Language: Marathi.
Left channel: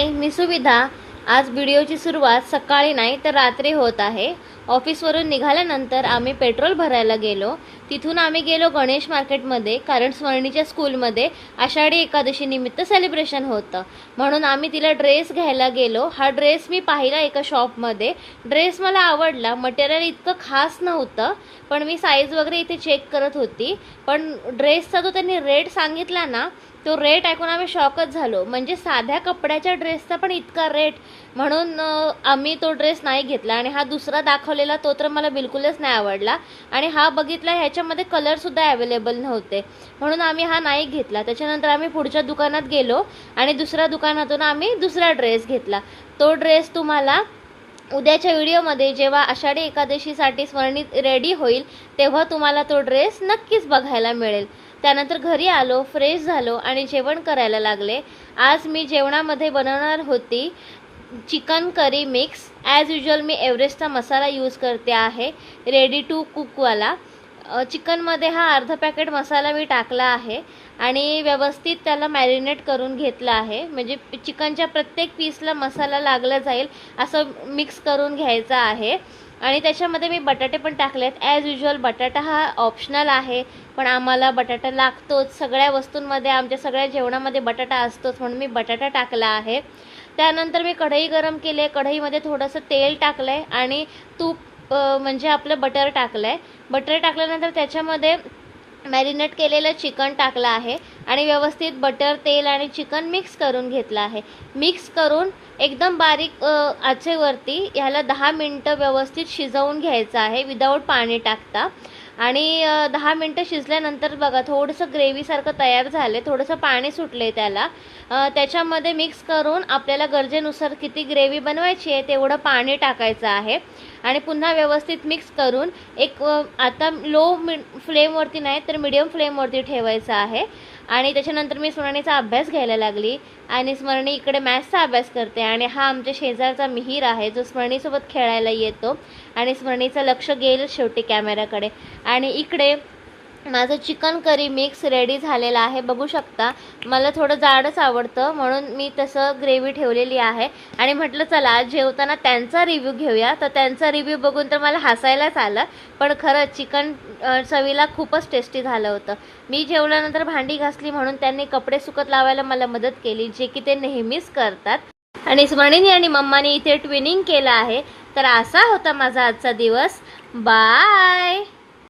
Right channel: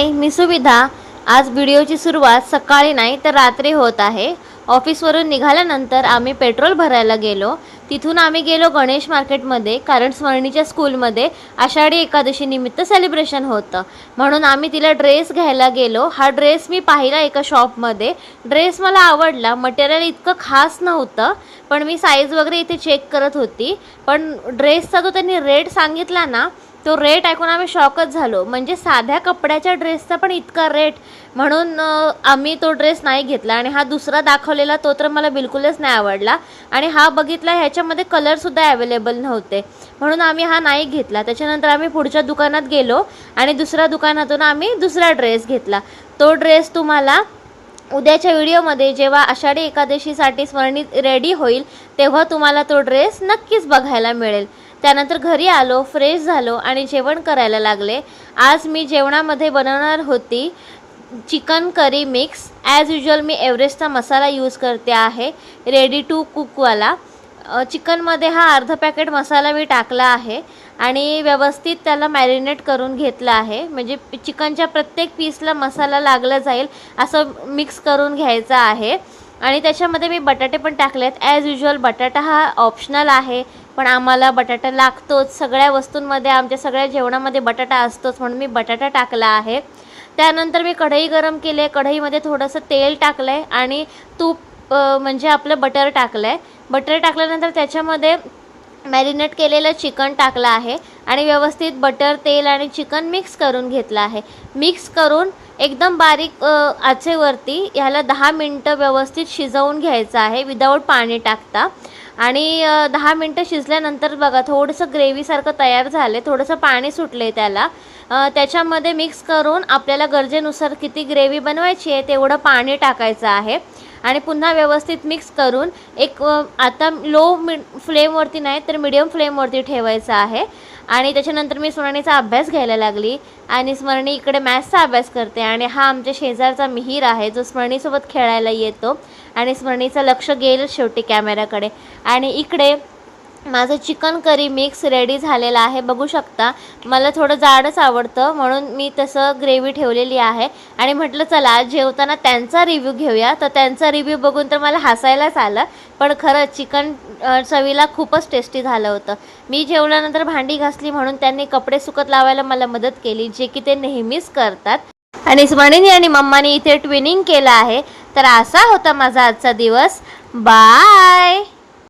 हाय, मी सुविधा। आज व्हिडिओची सुरुवात सकाळी नाही तर रात्री होत आहे। ऑफिसवरून निघाल्यानंतर आम्ही पेट्रोल भरायला गेलो। तिथून आम्ही गेलो गणेश मार्केटमध्ये, कारण स्वर्णीच्या स्कूलमध्ये आषाढी एकादशी निमित्त सेलिब्रेशन होतं, म्हणून आम्ही तिला ड्रेस घ्यायला गेलो। हा ड्रेस मी पाहिला एका शॉपमध्ये। ड्रेस मला आवडला। मटेरियल इतकं खास नव्हतं, पण मी साईज वगैरे इथे चेक करत होती। पण ड्रेसचा जो त्यांनी रेट सांगितला ना, तो रेट ऐकून आम्ही शॉकच झालो। म्हणजे साध्या कपड्याच्या ड्रेसचा पण इतका रेट, म्हणून आम्ही तो ड्रेस नाही घेतला। आणि हा दुसरा दाखवलेला तो तर मला बिलकुलच नाही आवडला, आणि हा बघितला ह्याच्यामध्ये कलरसुद्धा अवेलेबल नव्हते, म्हणून आम्ही हा नाही घेतला। त्याच्यानंतर आम्ही पुढच्या दुकानात गेलो आणि दुसऱ्या दुकानातून आम्ही दुसरा ड्रेस घेतला। तो ड्रेस तुम्हाला उद्याच्या व्हिडिओमध्ये, जेव्हा आषाढी एकादशीसाठी स्वर्णी रेडी होईल, तेव्हा तुम्हाला तो ड्रेस नक्कीच बघायला मिळेल। त्यानंतर घरी आलो, फ्रेश झालो आणि जेवण करायला लागले। आज मी जेवणामध्ये बनवणार होती chicken curry mix. As usual मी एव्हरेस्टचा मसाला यूज करते आहे, रेडी टू कुकवाला। चिकनमध्ये हा अर्धा पॅकेट मसाला मी टाकला आहे आणि व्यवस्थित त्याला मॅरिनेट करून घेतला आहे। म्हणजे चिकनच्या प्रत्येक पीसला मसाला लागला जाईल असं मिक्स करून घ्यायचा आहे। आणि त्याच्यामध्ये मी बटाटे पण टाकलेत। ॲज युजल बटाटा हा ऑप्शनल आहे, पण आम्हाला बटाटा लागतोच। सगळ्या वस्तूंमध्ये, आमच्या सगळ्या जेवणामध्ये बटाटा असतोच, म्हणून मी बटाटा टाकला आहे। त्यानंतर मी कढई गरम केली। कढईमध्ये थोडंसं तेल टाकलं आहे आणि तूप म्हणजे आपलं बटर टाकलं आहे। बटर टाकल्यानंतर त्याच्यामध्ये मॅरिनेट केलेलं चिकन टाकलं आहे आणि व्यवस्थित बटर, तेल आणि चिकन मिक्स करून घेतलं आहे। मिक्स करून एकदम बारीक आचेवरती ह्याला 10 मिनटं व्यवस्थित शिजवून घ्यायचं आहे, विदाऊट पाणी टाकता। आणि 10 मिनटं शिजल्यानंतर बघा थोडंसं ग्रेव्हीसारखं तयार झालं आहे, थोडंसं पाणी सुटलं आहे त्याला। त्याच्यामध्ये मिक्स करून आपल्याला गरजेनुसार किती ग्रेव्ही बनवायची आहे तेवढं पाणी टाकायचं आहे आणि पुन्हा व्यवस्थित मिक्स करून एक आता लो फ्लेमवरती नाही तर मिडियम फ्लेमवरती ठेवायचं आहे। आणि त्याच्यानंतर मी स्वर्णीचा अभ्यास घ्यायला लागली आणि स्वर्णी इकडे मॅथ्सचा अभ्यास करते। आणि हा आमच्या शेजारचा मिहीर आहे, जो स्वर्णीसोबत खेळायला येतो आणि स्वर्णीचं लक्ष गेलं शेवटी कॅमेऱ्याकडे। आणि इकडे माझं चिकन करी मिक्स रेडी झालेलं आहे, बघू शकता। मला थोडं जाडच आवडतं, म्हणून मी तसं ग्रेव्ही ठेवलेली आहे। आणि म्हटलं चला जेवताना त्यांचा रिव्ह्यू घेऊया। तर त्यांचा रिव्ह्यू बघून तर मला हसायलाच आलं, पण खरंच चिकन चवीला खूपच टेस्टी झालं होतं। मी जेवल्यानंतर भांडी घासली, म्हणून त्यांनी कपडे सुकत लावायला मला मदत केली, जे की ते नेहमीच करतात। आणि स्वर्णीने आणि मम्माने इथे ट्विनिंग केलं आहे। तर असा होता माझा आजचा दिवस। बाय।